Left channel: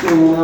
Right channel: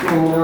Namo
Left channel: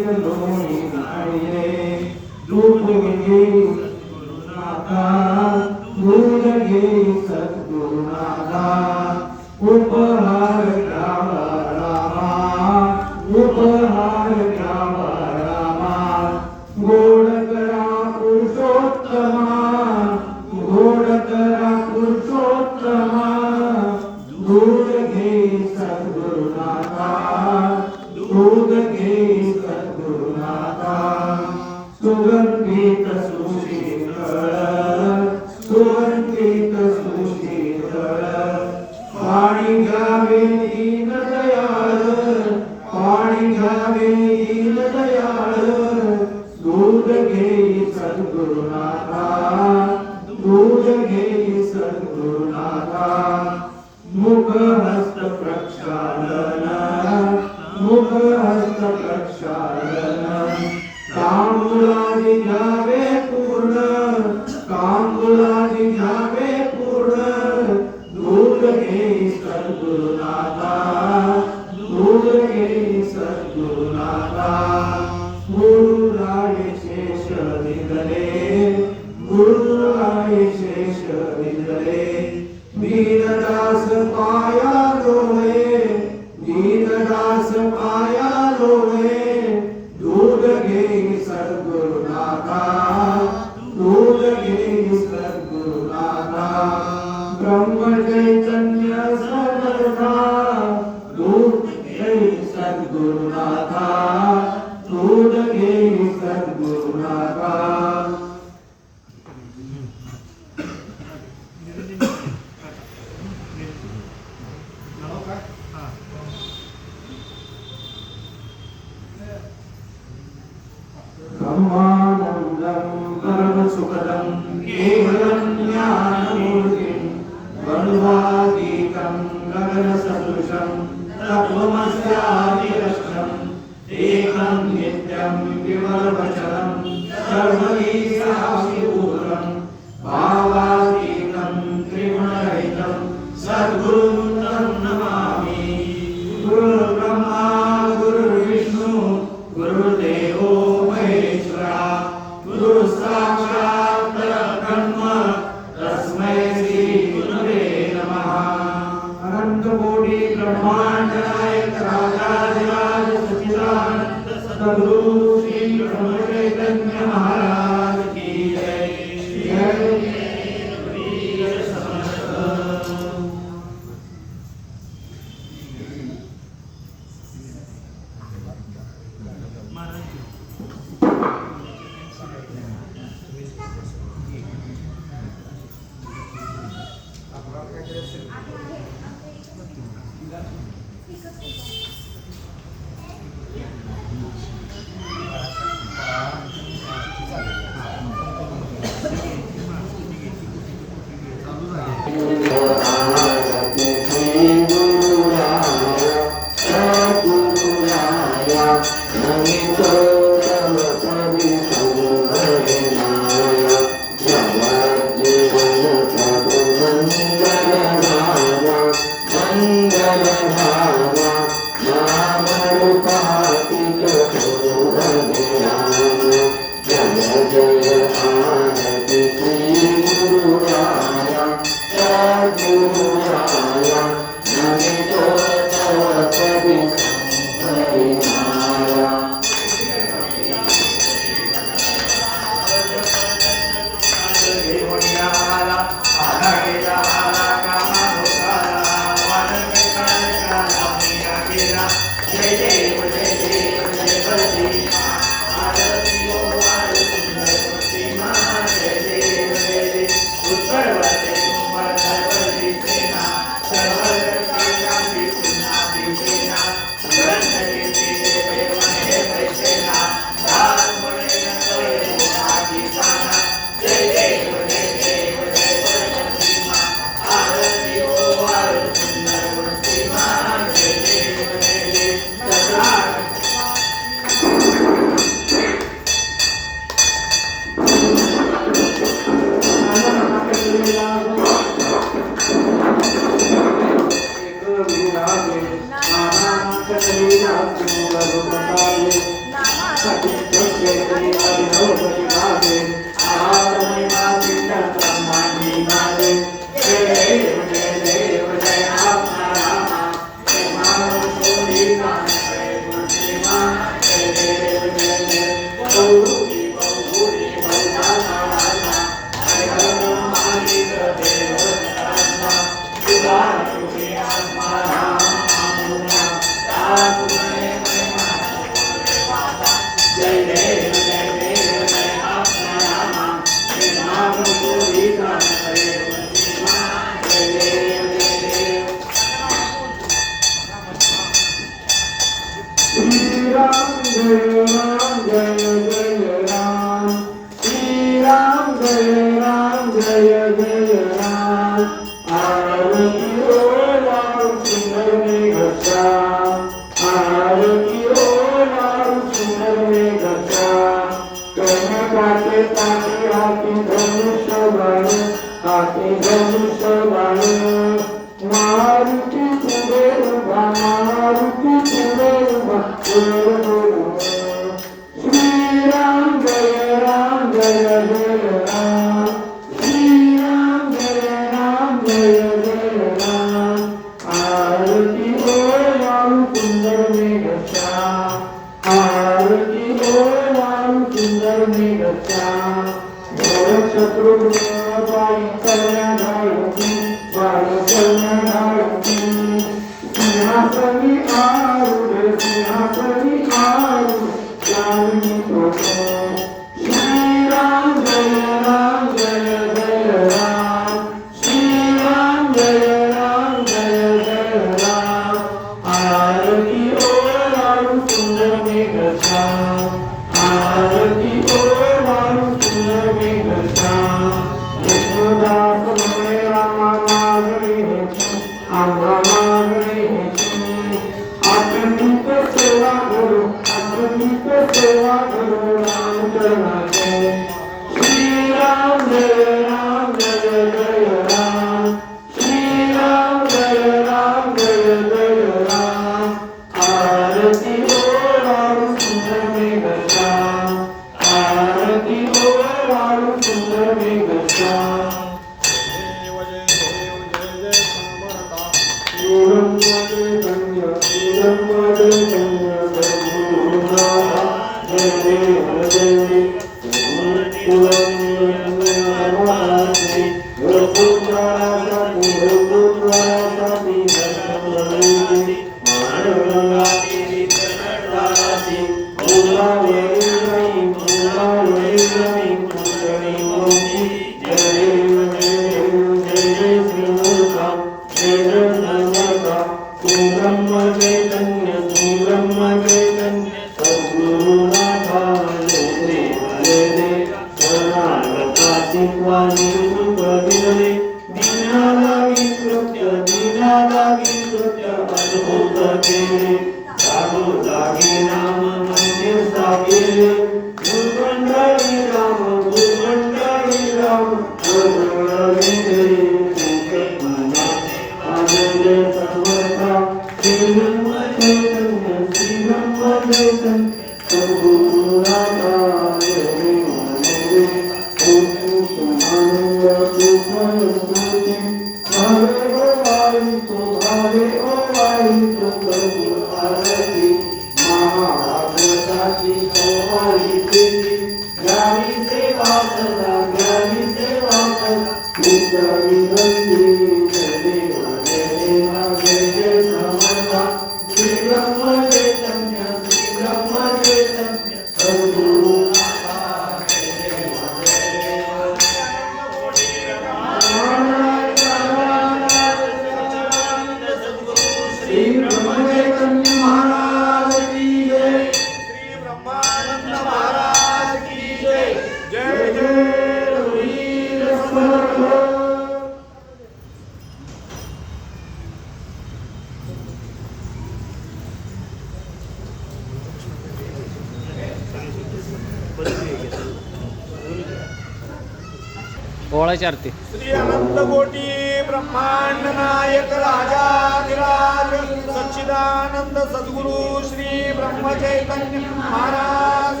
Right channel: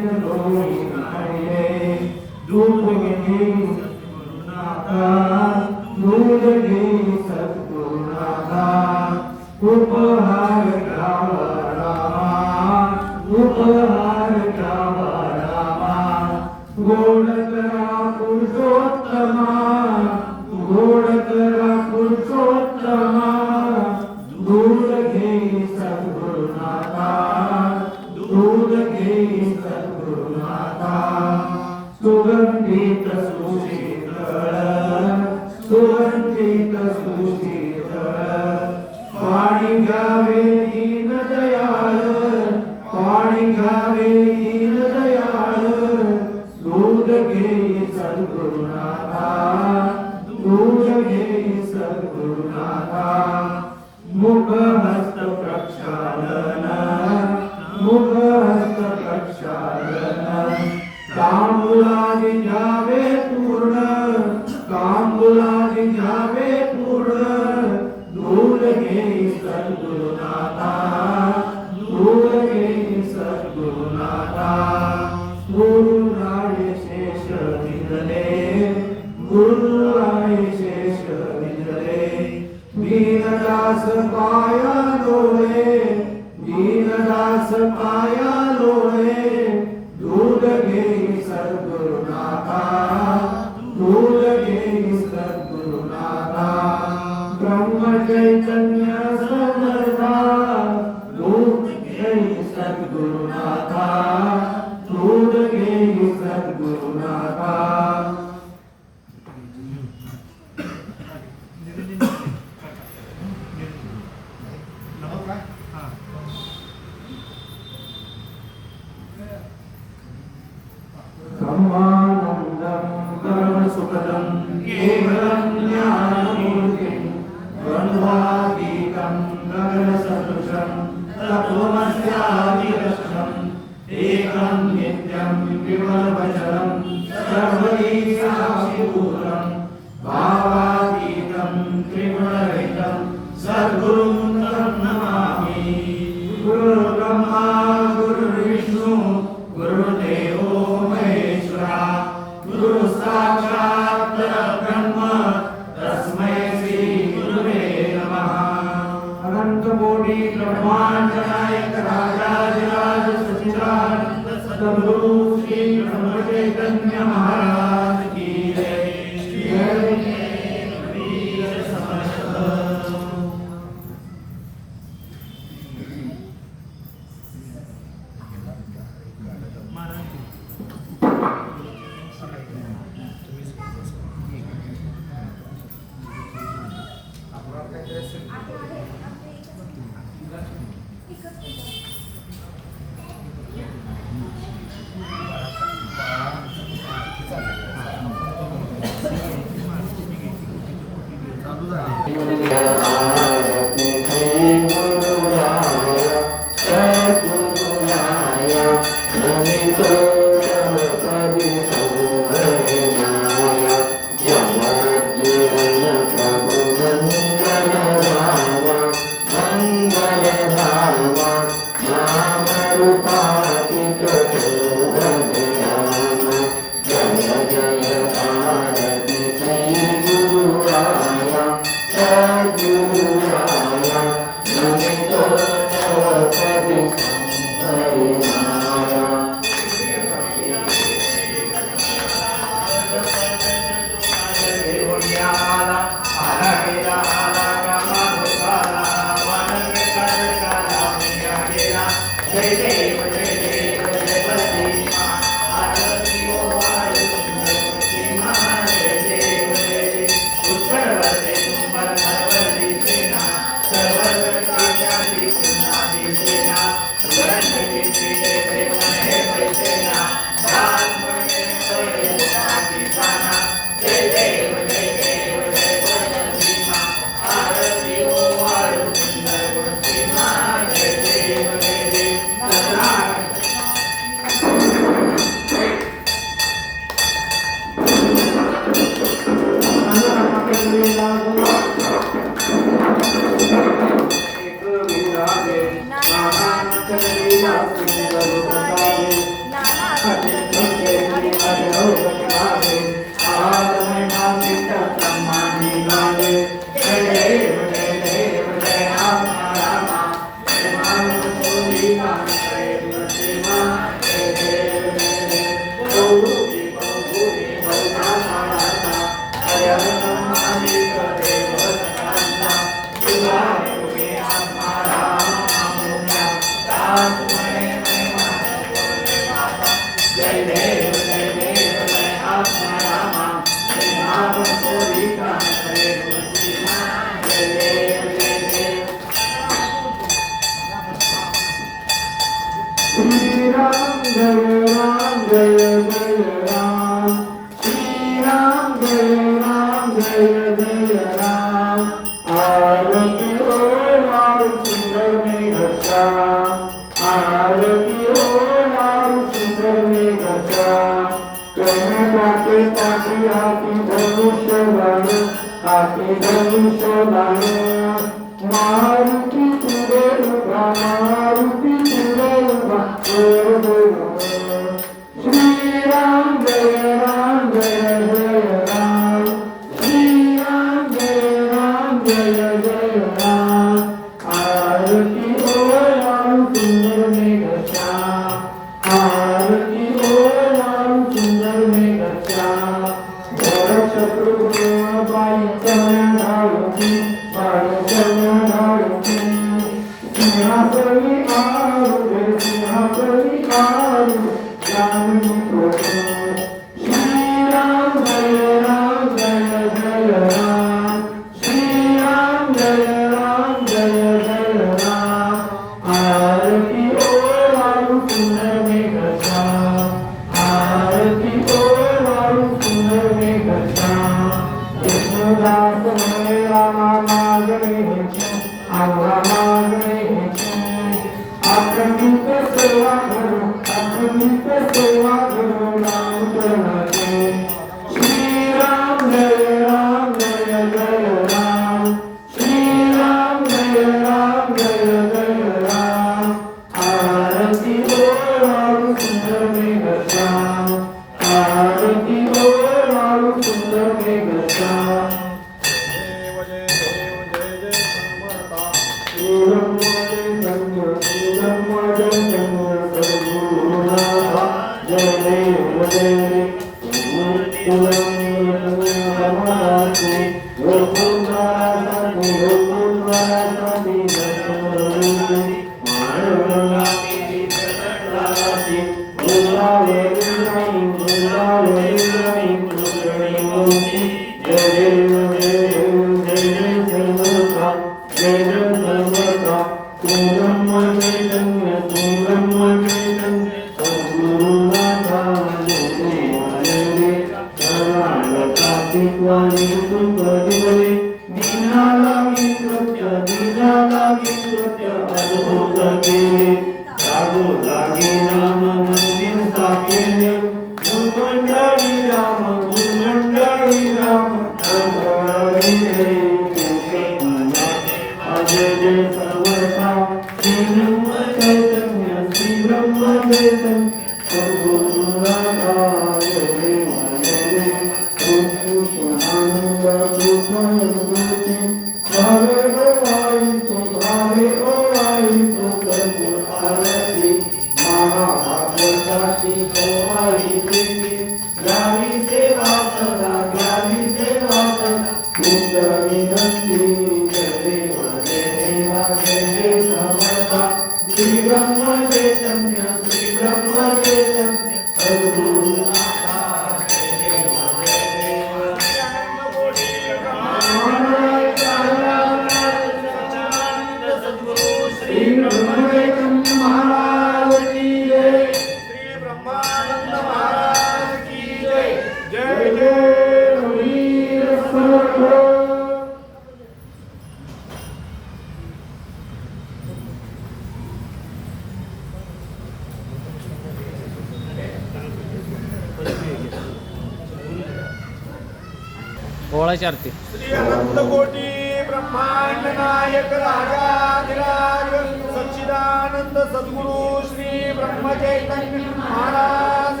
ओळाची आरती. श्री अनंत कोटी ब्रह्मांड नायक राजाधिराज सच्चिदानंद सद्गुरु श्री ब्रह्म चैतन्य महाराज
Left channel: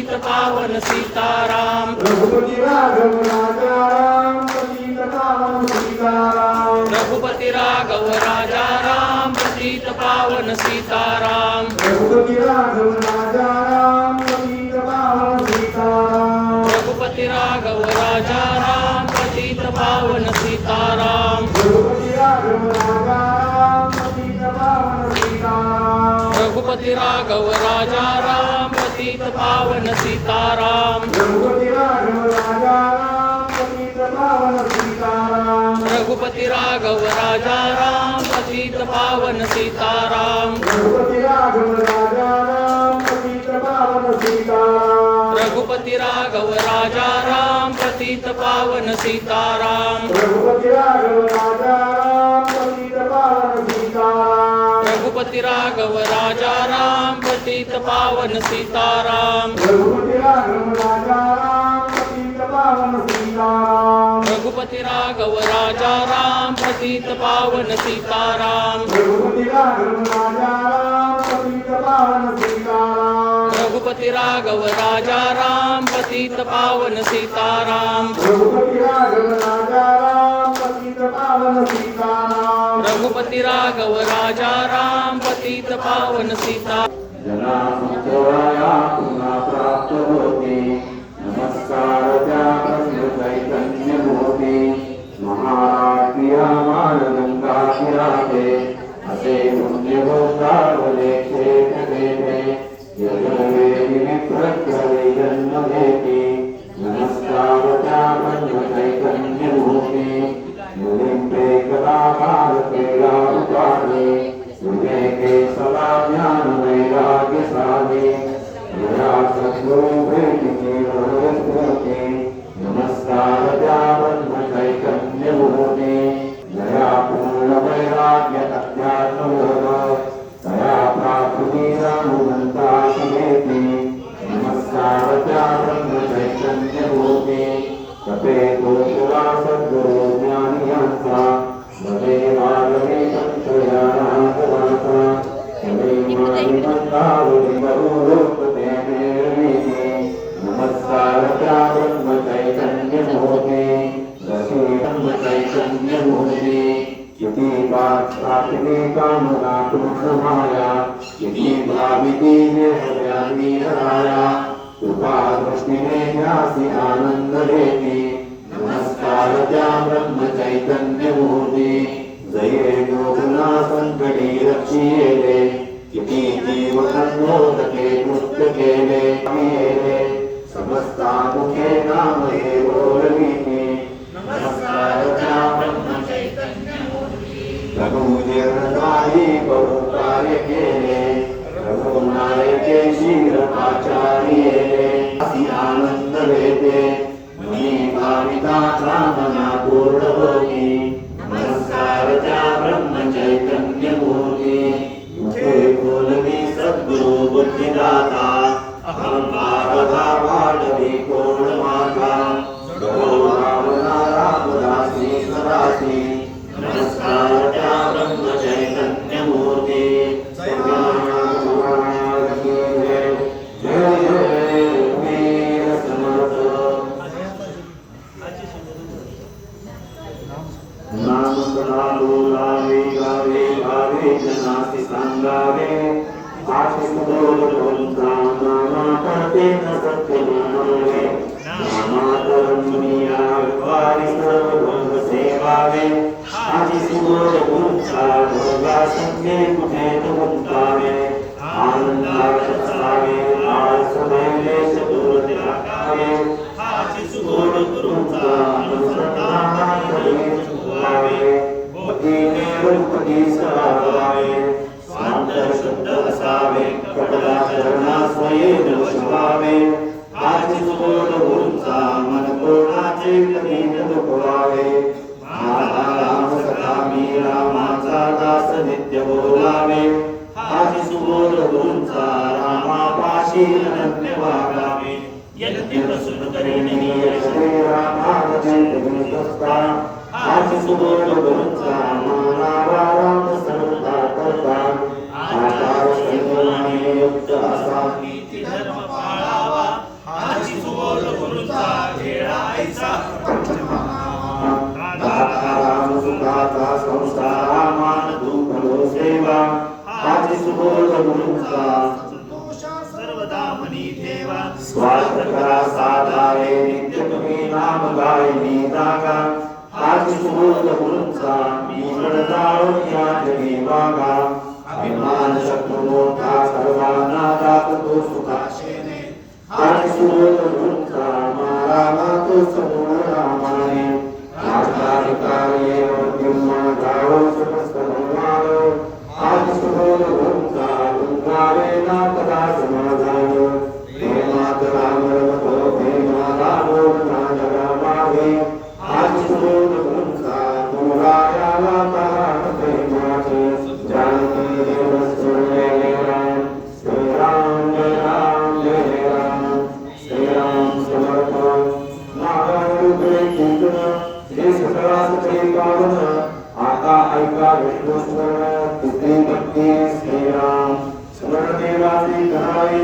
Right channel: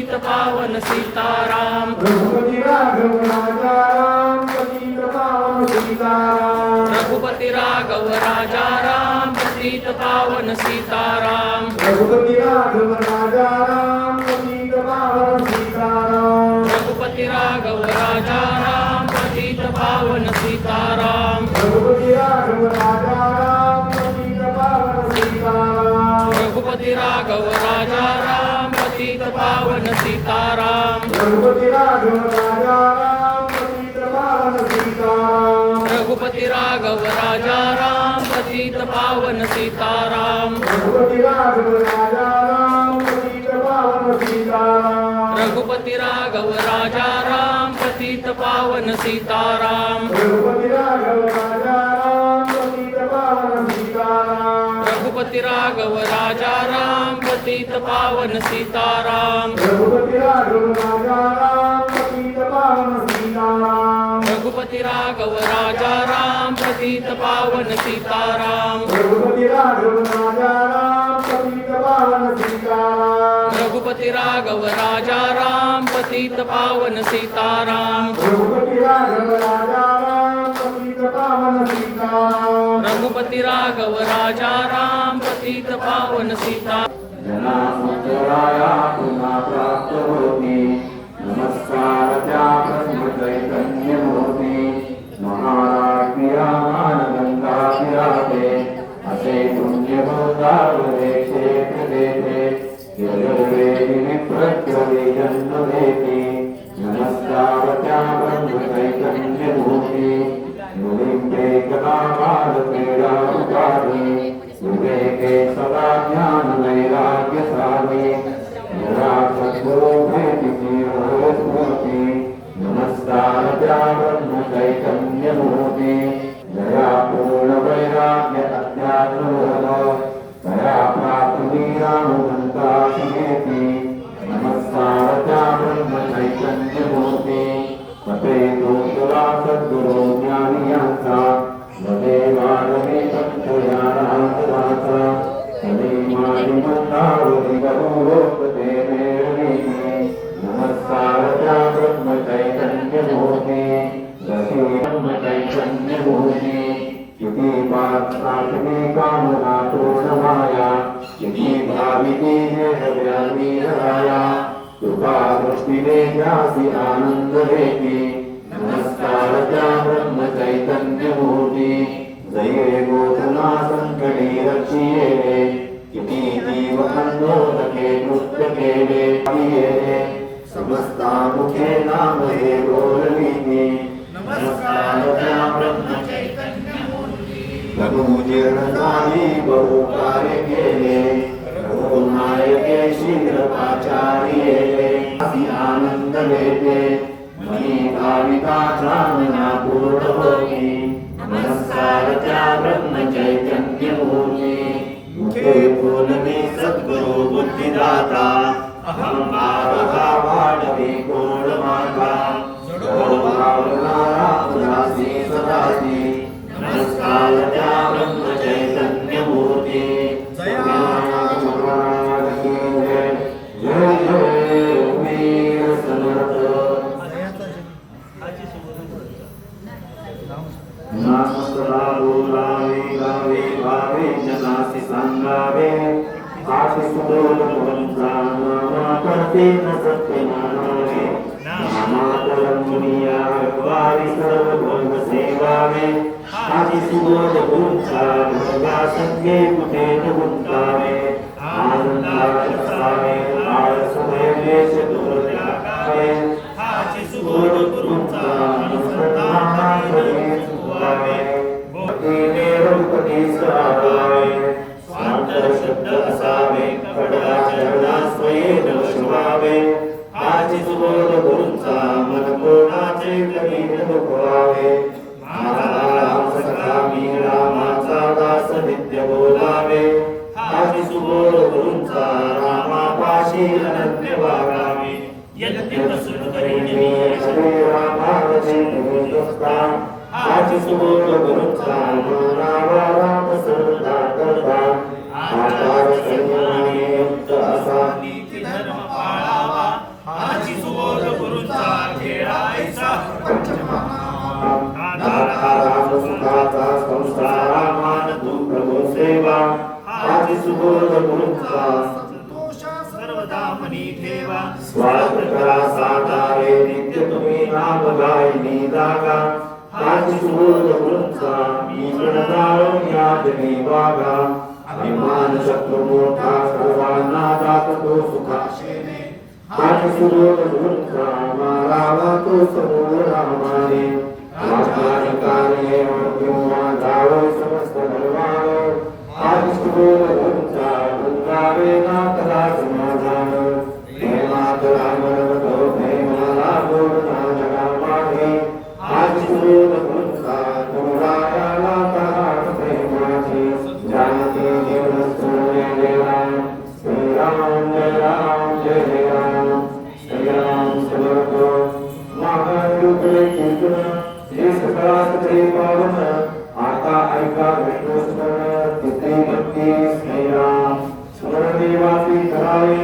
पतित पावन सीताराम रघुपति राघव राजा राम पतित पावन सीताराम रघुपति राघव राजा राम पतित पावन सीताराम रघुपति राघव राजा राम पतित पावन सीताराम रघुपति राघव राजा राम पतित पावन सीताराम रघुपति राघव राजा राम पतित पावन सीताराम रघुपति राघव राजा राम पतित पावन सीताराम रघुपति राघव राजा राम पतित पावन सीताराम रघुपति राघव राजा राम पतित पावन सीताराम रघुपति राघव राजा राम पतित पावन सीताराम रघुपति राघव राजा राम पतित पावन सीताराम रघुपति राघव राजा राम पतित पावन सीताराम रघुपति राघव राजा राम पतित पावन सीताराम रघुपति राघव राजा राम पतित पावन सीताराम रघुपति राघव राजा राम पतित पावन सीताराम रघुपति राघव राजा राम पतित पावन सीताराम रघुपति राघव राजा राम पतित पावन सीताराम रघुपति राघव राजा राम पतित पावन सीताराम रघुपति राघव राजा राम पतित पावन सीता जना संतोराया पुन्हा प्राप्त होती नमस्कार त्या ब्रह्म चैतन्य मूर्ती महाकिया मानगंगा किराते असे पुण्य गोदावले क्षेत्र देते प्रत्यवे जन्म देती नमस्कार त्या ब्रह्म चैतन्य मूर्ती मुनिंद्रे कला क्रीडा उपाधि युगे के सदा ज्ञान वैराग्य स्वामी यदा सद्गुरु भेटिति स्मृति नमस्कार त्या ब्रह्म चैतन्य मूर्ति दया पूर्ण वैराग्य अध्यात्म दया प्राप्ति रामवंता शिवेति नमस्कार त्या ब्रह्म चैतन्य मूर्ति तपे तो तुला सद्गुरु ज्ञानी यांचा भवे वागवे पंचया रामवाचा तवे मारी मंदावरी गरुडोपते देवी नमस्कार त्या ब्रह्म चैतन्य मूर्ति दशी ब्रह्म चैतन्य मूर्ति किती पात्रापिनी कामना कृष्णमाया किती भाविती देहव्यापी हराया कृपा दृष्टीने ज्यासी आनंद देती नमस्कार त्या ब्रह्म चैतन्य मूर्ती जये गोधना संकटी रक्षिये किती जीव संयोजके नृत्य केले समस्ता मुखे नाम हे बोलविती नमस्कार त्या ब्रह्म चैतन्य मूर्ती रघुजीर्णकारी बहू कार्य केले रघुनायके शीरपाचार्ये असी आनंद देते मनी भाविता कामना पूर्ण होती नमस्कार त्या ब्रह्म चैतन्य मूर्ति मुखे बोलवी सद्गुरु बुद्धिदाता अहंकार भावी कोण मागा भावना उदासी सदासी नमस्कार त्या ब्रह्म चैतन्य मूर्ति जय वीर समर्थ नाम बोलावे गावे भावे जनासी सांगावे आशिष बोल बोलता नामा करते न सत्य मानावे नामातरम दुनिया वारी सर्व भोग सेवावे आशिष बोल बोलता भोगा संगे कुठे न गुंतावे आनंदात असावे आळस देश दूर टाकावे आशिष बोल बोलता अनुसंधान करी भक्तीने रघुपती सरावे स्वांत शुद्ध असावे कपडा चरणा स्वयं शिवावे आज सुबोध गुरुचा मन कोणाचे कधी न दुखवावे माझा राम सखा मी रामाचा दास नित्य बोलावे आज सुबोध गुरुचा रामापाशी अनन्य वागावे यज्ञ सुन करिणी श्री रामाचे निमित्तस्था आज सुबोध गुरुचा नाम संता करता आकार सन्माने युक्त असा नीती धर्म पाळावा सुबोध गुरूंचा संतोष सर्वदा मनी ठेवा स्वार्थ करा साधारे नित्य तुम्ही नाम गायनी जागा हाच सुबोध गुरूंचा मी जाळून या जगी वागा अभिमान शत्रू मोठा सर्वांना जातो सुखाशेने हाच सुबोध गुरूंचा मारावा तो समोर रामाने राजकार्ये मध्यमा गाव समस्त धर्माने हाच सुबोध गुरूंचा गुंगारे ना कदा समाधान प्रेमात रामरतो प्रेमाला लोकना जगामध्ये हाच सुबोध गुरूंचा गुरुरायाला ताराट प्रेमाचे जानकी देव सुरले जय राम जय राम जय राम जय जय राम श्री राम समर्थ महाकारुके कीर्तन श्री सकला सकळे पावन आता ऐका विष्णू स्मरण तिथे भक्ती श्री राम स्मरण देवाचे करावे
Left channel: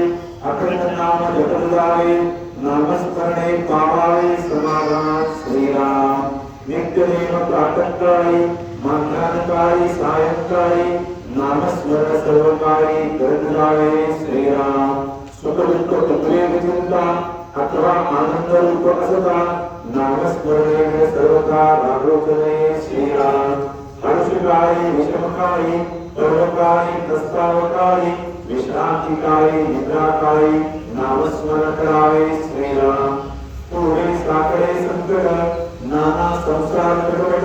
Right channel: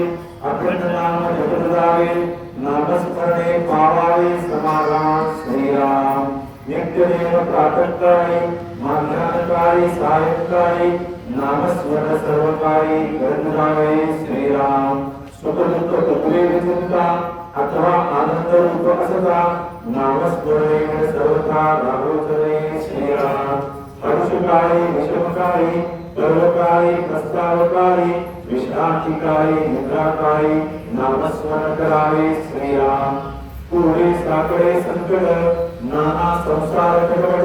अखंड नाम जपत जावे नामस्मरणे पावावे समाधान श्री राम नित्यदेव प्रातःकाळी मध्याह्नकाळी सायंकाळी नामस्मरण सर्वकाळी करत जावे श्री राम सुख दुःख पत्रे चिंता अथवा आनंद रूप असता नामस्मरणे सर्वका रागोचने श्रीराम हर्षकाळी विषमकाळी पर्वकाळी प्रस्तावकाळी विश्रांतिकाळी निद्राकाळी नामस्मरण करावे श्रीराम पुढे साकडे संकट नाना संसार कपट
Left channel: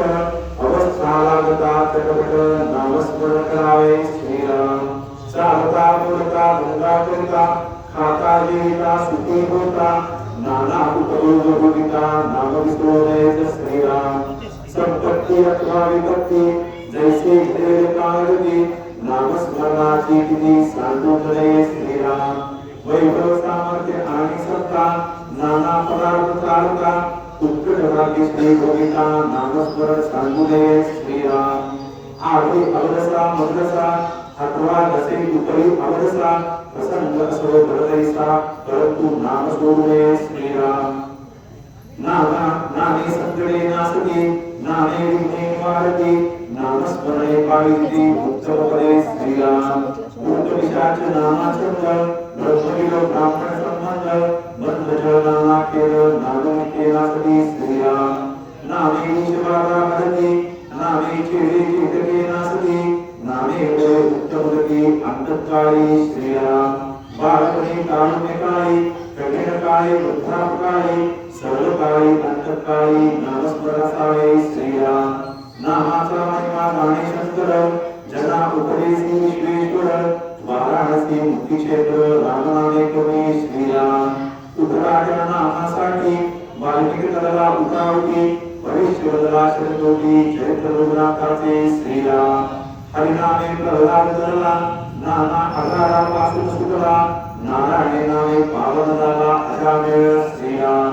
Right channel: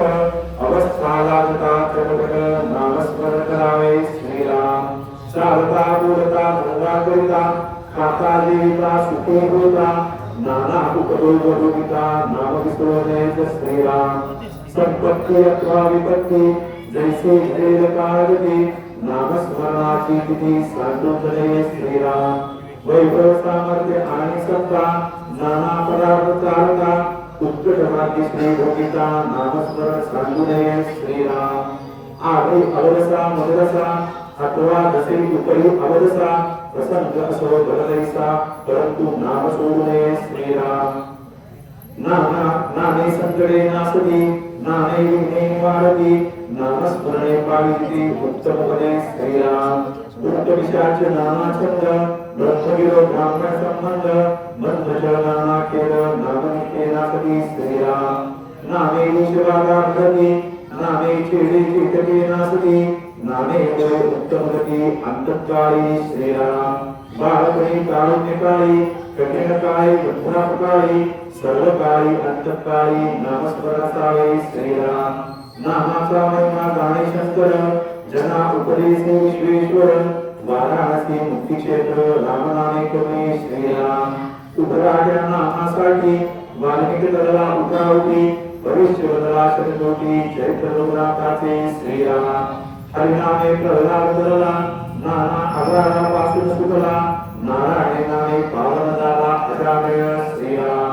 अवस्था लागता कटकट नामस्मरण करावे श्रीराम चालता बोलता धंदा करता खाता जीविता सुखी होता नाना उपयोग भोगिता नाम विसरू श्रीराम संपत्ती अथवा विपत्ती जैसे घडेल काळजी नामस्मरणाची तिथी सांगून नये श्रीराम वैभव सामर्थ्य आणि सत्ता नाना पदार्थ चालता उत्कट भाग्य श्री भोगिता नामस्मरण सांगू नये श्रीराम आधी अवदसा मदरसा अथवा जसे उपरी अवदसा प्रसंग असो भरदैसा परंतु नाम सोडू नये श्रीराम नाने संकटे नासती नाने विघ्ने निवारती नामस्मरणे पावित्री उत्तमपदे श्रीराम भूत पिशाच नाना छंद ब्रह्मविदो ब्राह्मण संबंध बंध नाना खेळ नामनित्य नासती श्रीराम नाने निशबाधा भरती नाने छेदे चितके नासती नाने उत्तम गती अंतकाळी श्रीराम बाळपणी तारुण्यकाळी कठीणकाळी वृद्धापकाळी सर्वकाळी अंतकाळी नामस्मरणावे श्रीराम नामाचा महिमा जाणे शंकर जना उपदेशी विश्वेश्वर वाराणसी मुक्तिक्षेत्र रामनामे कवी श्रीराम उभराजा नामासाठी वाल्मिकी तळला उठावती भविष्यवदला शतकोटी चैत्र रघुनाथाचे श्रीराम हरिनामे प्रल्हाद धरला नाना आधारा पासून सुटला नारायणे नामे पावन झाला अजामेळ श्रीराम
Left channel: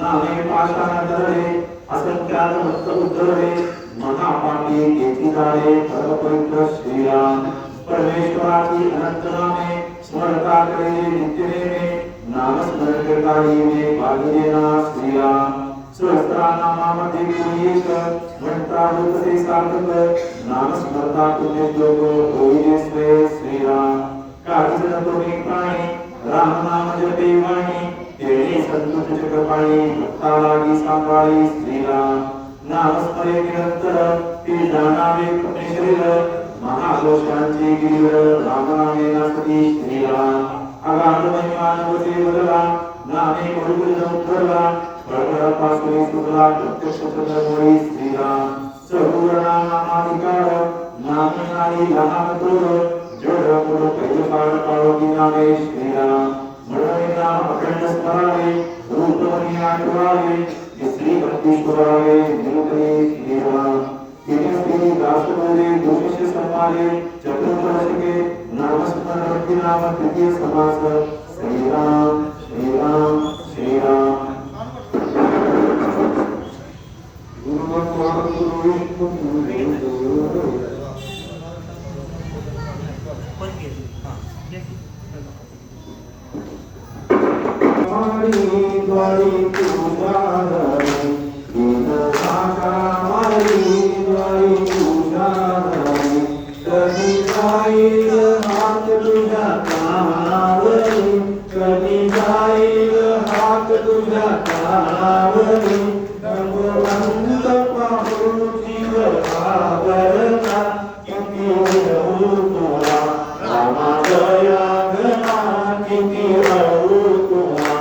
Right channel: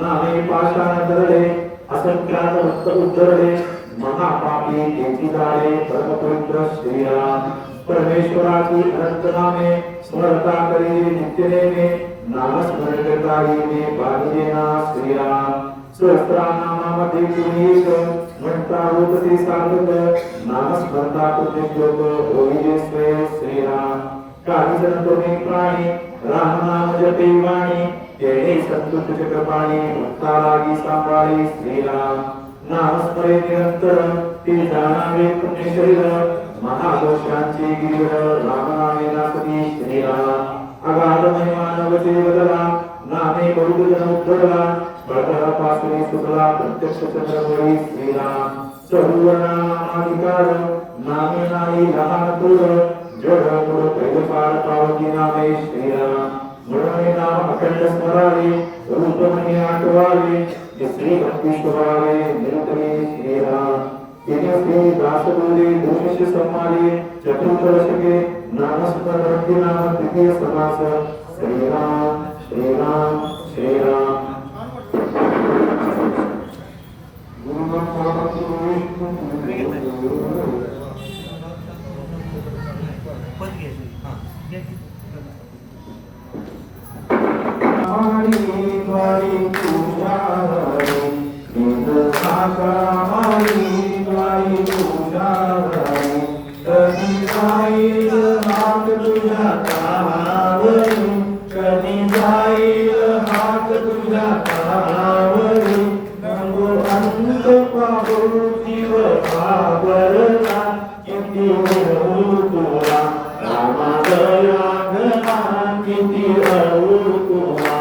नामे पाषाण धरले असंख्यात भक्त उद्धरले महापापी एकी झाले परमपवित्र श्रीराम परमेश्वराची अनंत नामे स्मरता करे नित्यनेमे नामस्मरण करताही भागीना श्रीराम सहस्रनामामध्ये पुनीत म्हणता होते सार्थक नामस्मरता पुण्य लोक होईल श्रीराम काही जण तुम्ही प्राणी राम नाम जपे वाणी तेणे संतुष्ट चक्रपाणी भक्ता लागी सांभाळी श्रीराम नामस्मरे निरंतर ते जाणावे पुण्य शरीर महादोषांचे गिरिवर रामनामे नासती श्रीराम अगाध महिमा नवते बदला नामे बहुजन उद्धरला पासून सुखला प्रत्यक्ष चंद्रभरी श्रीराम सर्वनामाधिकार नाम नाही लहान पूर्व जड मूळ पहिले पार पावती नामे श्रीराम म्हणून नाम अखंड स्मरावे रूपमणी आठवावे श्री भक्ती सुरावे निरुपणे श्रीराम दिनश्री दासबोधे भूमिष समाले चतुर्दशके नामस्मरण भक्ती नाम तृतीय समास श्रीराम श्रीराम श्रीराम पूजा तुझ्या नावावरी नको अंत पाहू जीव घाबरला किती हळू तुला रामा दया घना किती हळू तुला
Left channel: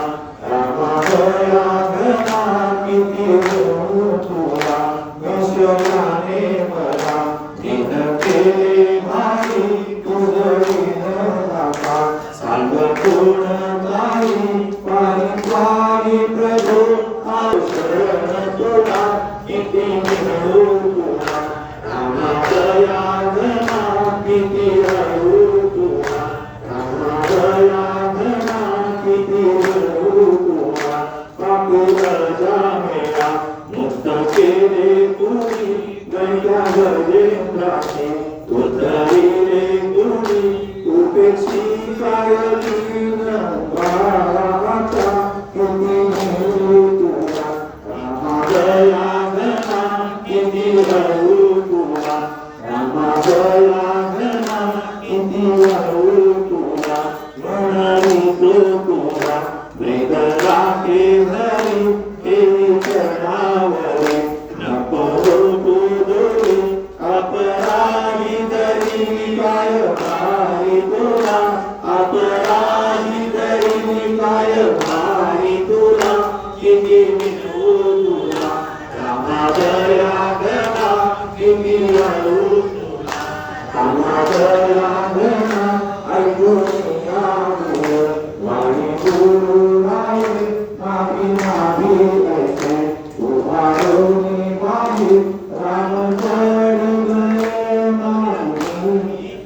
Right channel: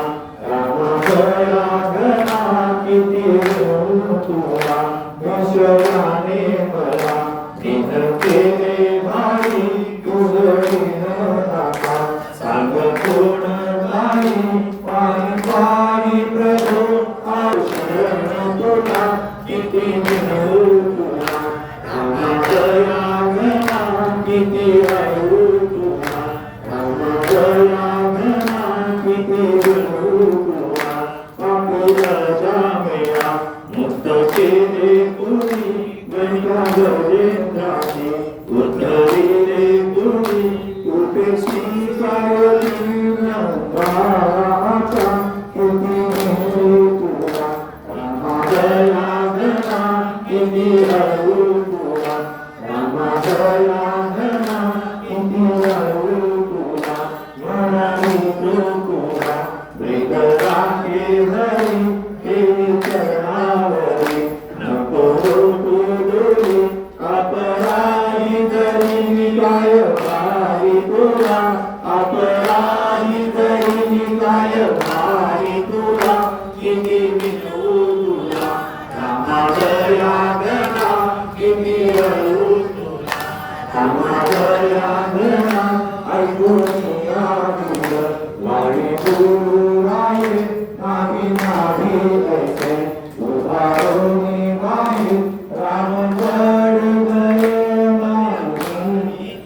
रामा दया घना किती हळू तुला विषयाने मला दिन केले भाई तुझं विनोदाचा सांग कोण काही पायी पायी प्रभू आयुष्य तुला किती मिळू तुला रामा दया घना किती हळू तुला रामा दया घना किती हळू तुला पापीला जामेला मुक्त केले कुणी गणिका गजेंद्राने उद्धरिले कुणी उपेक्षी कावली बाळाचा किती मिळू तुला रामा दया घना किती हळू तुला रामा दया घना किती हळू तुला म्हणाली तुला मृग राखे हरी हे चढावरी नको तू दोरी अपराधी तरी काय भारी तुला अपराधी तरी काय भारी तुला किती मिळू तुला रामा दया घना किती हळू तुला रामा दया घना ऐकून यावं वाणी बोलू नाही नाही नाही ऐसे उभारणी नाही राम पडी गये नाही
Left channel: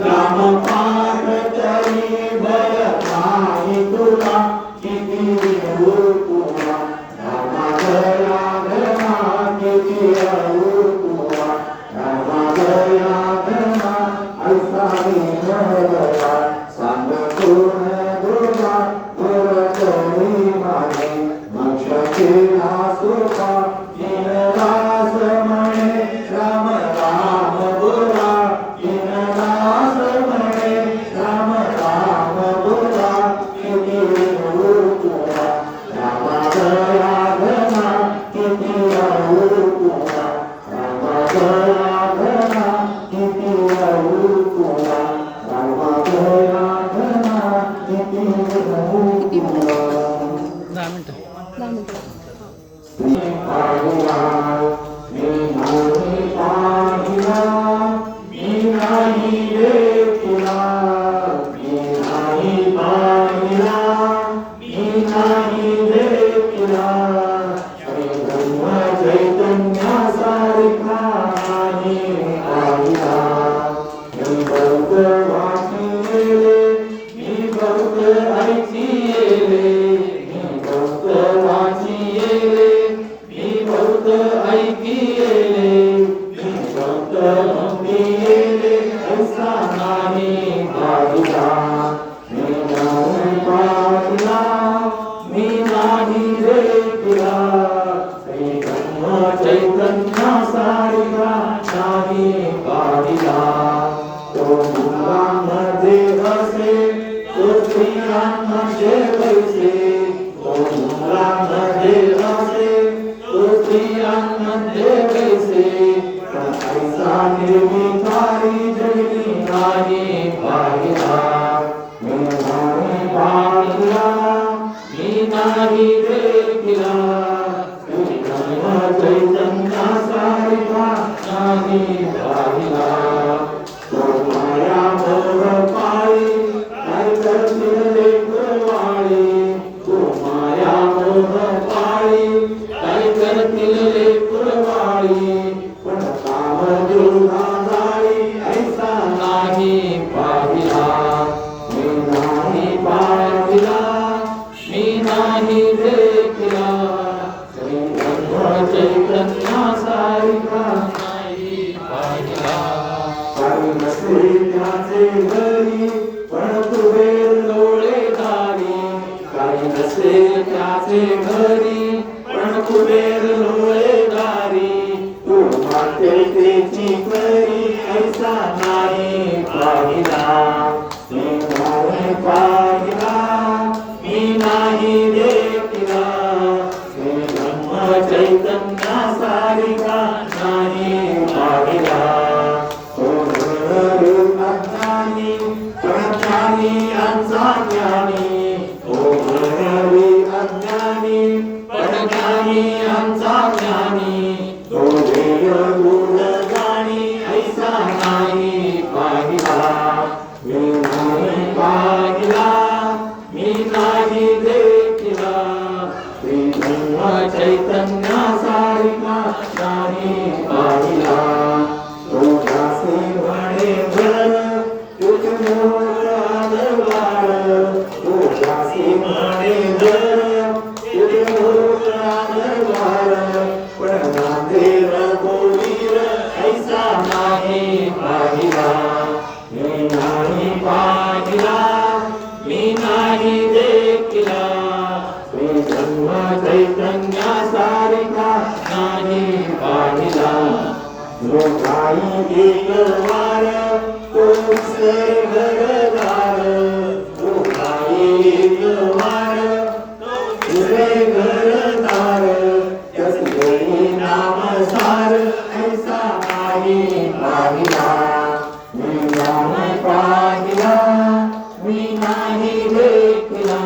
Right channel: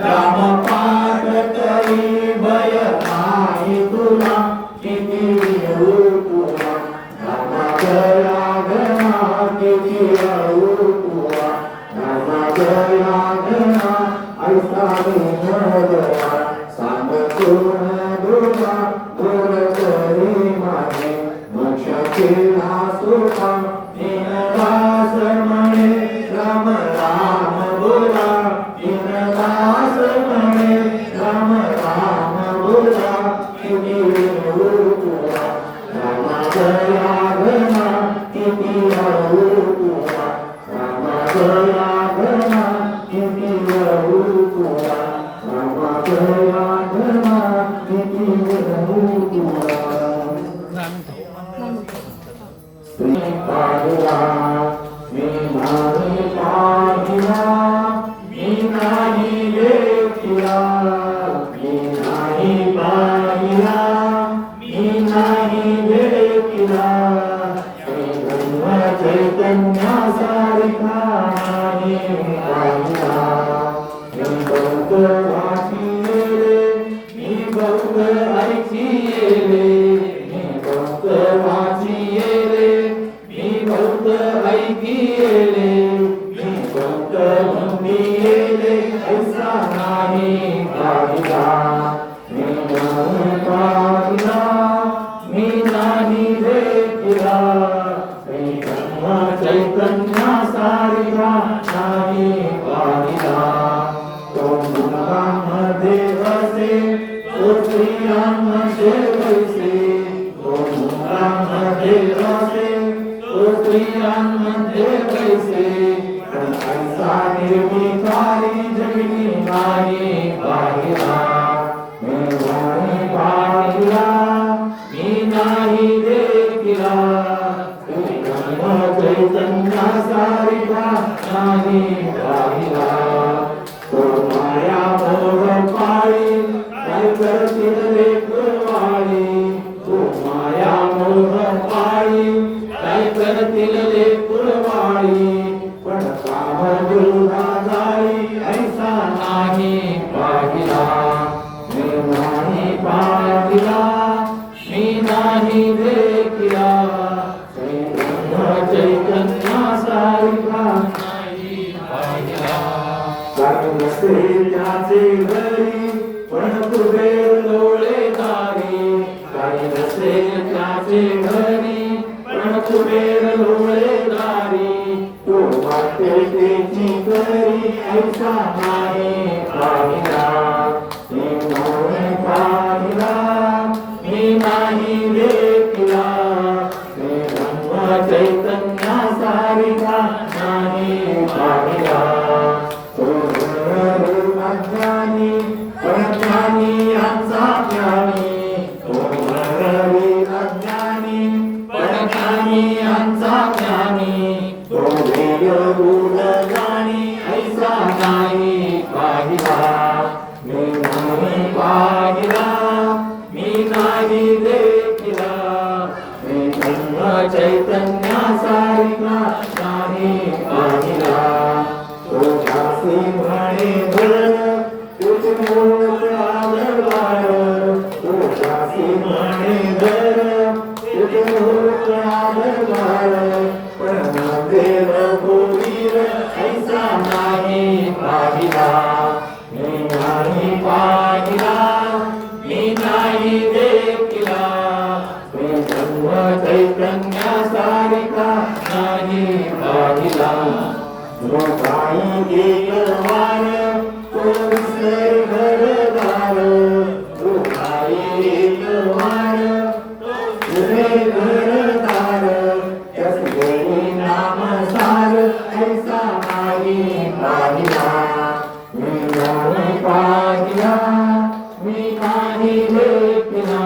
राम पाठ तरी भय नाही तुला किती मिळू तुला रामा दया घना किती हळू तुला रामा दया घना ऐसा विनोदा सांग कोण दुर्गा दुर तरी मागे मोक्ष केला सुखा दीनदास म्हणे राम राम बोला दीनदास म्हणे राम राम बोला किती मिळू तुला रामा दया घना किती हळू तुला रामा दया घना किती हळू तुला रामा दया घना किती हळू तुला श्री पाहिला मी नाही पाहिला मी नाही देखिला मी नाही पाहिला मी नाही देखिला श्री ब्रह्म चैतन्यासारखा नाही पाहिला मी बहुत वाचिले मी बहुत ऐकिले मी बहुत वाचिले मी बहुत ऐकिले मी बहुत म्हणिले ऐसा नाही पाहिला मी नाही पाहिला मी नाही देखिला श्री ब्रह्म चैतन्यासारखा नाही पाहिला तो मुलांमध्ये बसे तो स्त्रियांमध्ये बैसे तो मुलांमध्ये बसे तो स्त्रियांमध्ये बैसे पण ऐसा निर्विकारी जगती नाही पाहिला मी नाही पाहिला मी नाही देखिला श्री ब्रह्म चैतन्यासारखा नाही पाहिला तो माया मोह पाळी काय करतील लेकरवाळी तो माया मोह पाळी काय करतील लेकरवाळी पण काम दुर्गादाई ऐसा नाही पाहिला मी नाही पाहिला मी नाही देखिला श्री ब्रह्म चैतन्यासारखा नाही पाहिला काही नसे त्याचे घरी पण कुबेर लवळे दारी काही नसे त्याचे घरी पण कुबेर लवळे दारी तो माते त्याची करी ऐसा नाही पाहिला मी नाही पाहिला मी नाही चैतन्या सारिका नाही पाहिला तो दासी म्हणे जर तुझे मोर आलवार तो दासी म्हणे जर तुझे मोर आलवार पण नांदेड गोवीर ऐसा नाही पाहिला मी नाही पाहिला मी नाही देखिला मी जन्म चैतन्या सारिका नाही पाहिला लोकाई एक वार तो दुसरे घरदार लोकाई एक वार दुसरे घरदार त्याचे नाम सार ऐसा नाही पाहिला मी नाही पाहिला मी नाही देखिला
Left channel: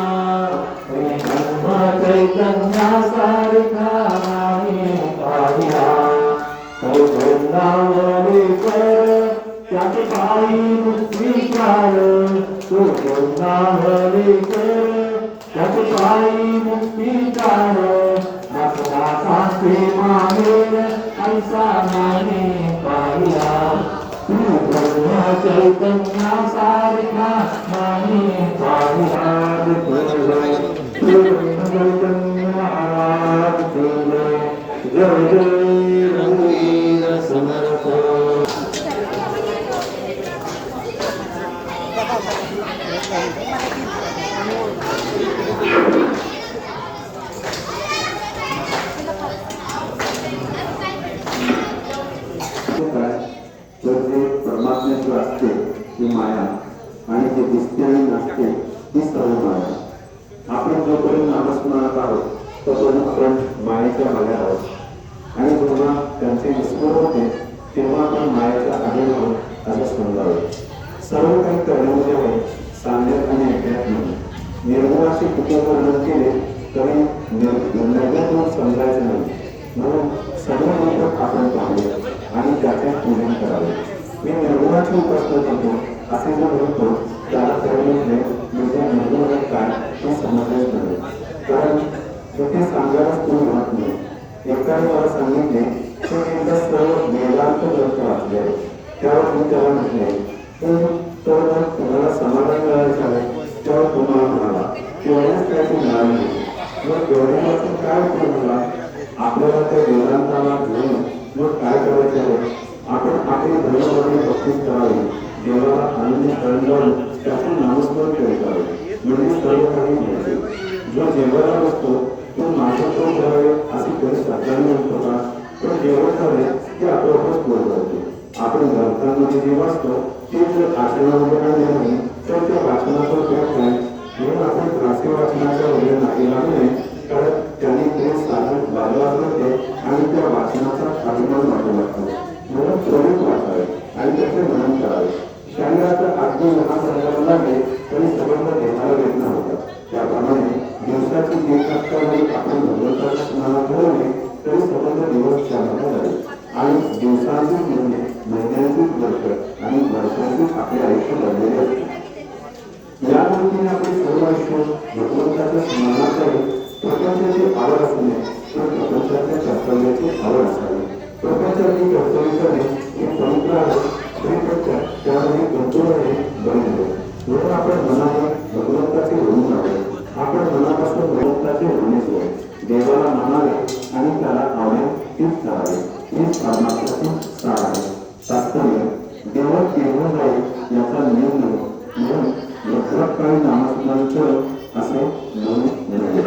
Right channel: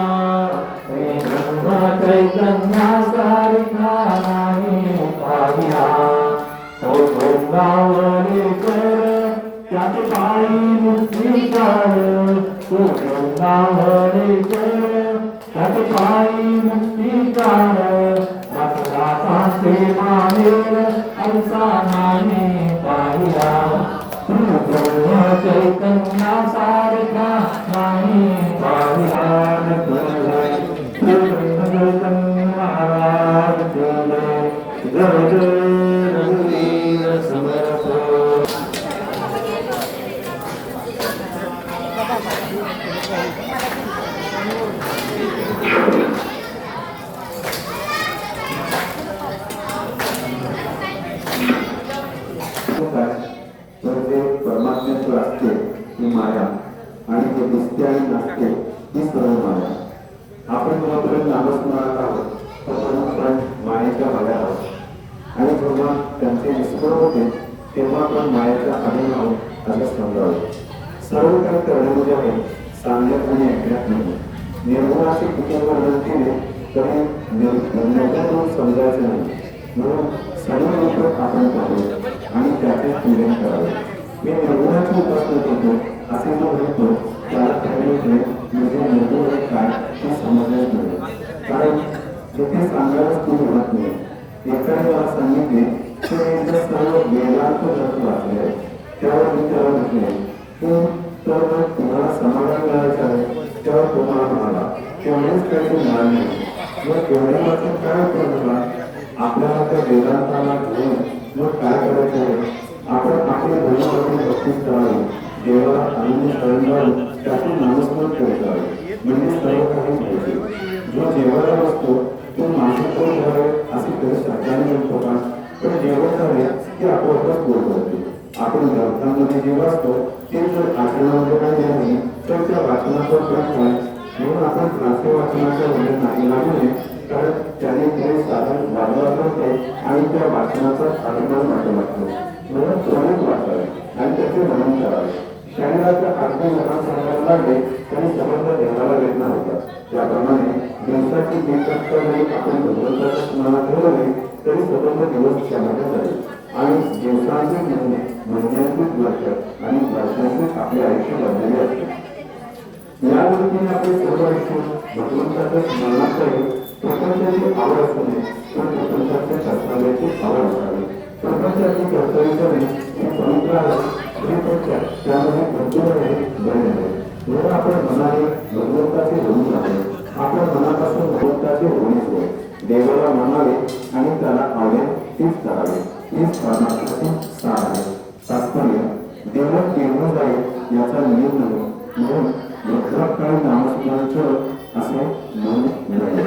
मी जन्म चैतन्या सारिका नाही पाहिला तो वृंदावने कर त्याचे पायी स्वीकार तो वृंदावने कर त्याचे पायी स्वीकार दासदासा प्रेमा मेर ऐसा नाही पाहिला तू ब्रह्म चैतन्या सारिका नाही पाहिला रघुवीर समर्थ तर ते परमात्म्याचे असते ती माया आणि ते दिसते आणि नसते ती सर्व माया. आपण जोपर्यंत नामस्मरणात आहोत तोपर्यंत मायेच्या माया आहोत आणि जेव्हा त्यांचे विस्मरण होते तेव्हा आपण मायेच्या अधीन आहोत असे समजावे. सर्व काही करण्यामध्ये आहे सांगण्यात आणि ऐकण्यात नाही. निर्गुणाचे किती वर्णन केले तरी निर्गुण समजायचे नाही. म्हणून सर्व लोक आपण पाहावे आणि त्याचे पूजन करावे. मी निर्गुणाची उपासना करतो असे जो म्हणतो त्याला खरे म्हणजे निर्गुण काय हे समजलेच नाही. कारण तिथे सांगायलाच तुम्ही म्हणत नाही. एकाने मला सांगितले की एकदा सर्व वेदांत ग्रंथ वाचले आहे. त्यावर मी त्याला म्हटले की तर तुम्हाला समाधान मिळायचे आहे. त्यावर तुम्हाला म्हणाला केवढेच काय ते मिळाले नाही. मग केवढे वाचून काय उपयोग झाला. आपल्याला त्या वेदांताला घेऊन मग काय करायचे आहे. आपण आपली धर्मामध्ये भक्तीच करावी. देवाला आनंदी शरण जाऊन त्याचे नामस्मरण करीत जावे म्हणजे सर्व काही मिळते. जो जेवायला बसतो तो माझे पोट भरावे असे कधी शब्दाने म्हणतो का. पण जेवण झाले की आपोआपच पोट भरते. आपण ग्रंथांमध्ये जे वाचतो ते जर आचरणामध्ये आणले नाही तर त्या वाचनाचा फरक काय. म्हणून आपण प्रास्य वाचनाच्या वेळेस नाही लागू नये. कारण त्यांनी ते साधन बाजारात करते आणि त्या वाचनाचा अभिमान वाटू लागतो. म्हणून त्वरित वाचावे आणि त्याचे मनन करावे. शरीराचा अगदी लहान सांगायला लागले तरी समजला देहाला वेदना होत्या. त्याप्रमाणे दिवसाची 1 तास जरी आपण भगवंताच्या स्मरणात ठेवले तरी स्वतंत्र दिवस चालवले जाईल आणि दिवसांचे महिन्यांचे वर्ष आणि वर्षांचे आपले आयुष्य बनलेले असते. या रीतीने आपण सर्व आयुष्य भगवंताच्या स्मरणात आहे. प्रपंचाची आवड असू नये तर प्रपंचाच्या कर्तव्याची आवड असावी. प्रपंचाची कर्तव्य करणे हे पवित्र आहे. त्यामध्ये कर्तव्य बरे नव्हे. म्हणून आपण मनाने भगवंताचे ऋण जावे. आपण मनापासून भगवंताचे ऋणीच होय. देवाला मानावे आणि त्याला आवडेल तीच करावे. हीच परमात्म्यातून सार आहे. तात्पर्य देव केव्हा जाईल याचा नियम नाही. म्हणून लक्षात काही नामस्मरण कर असे म्हणून मिळाले.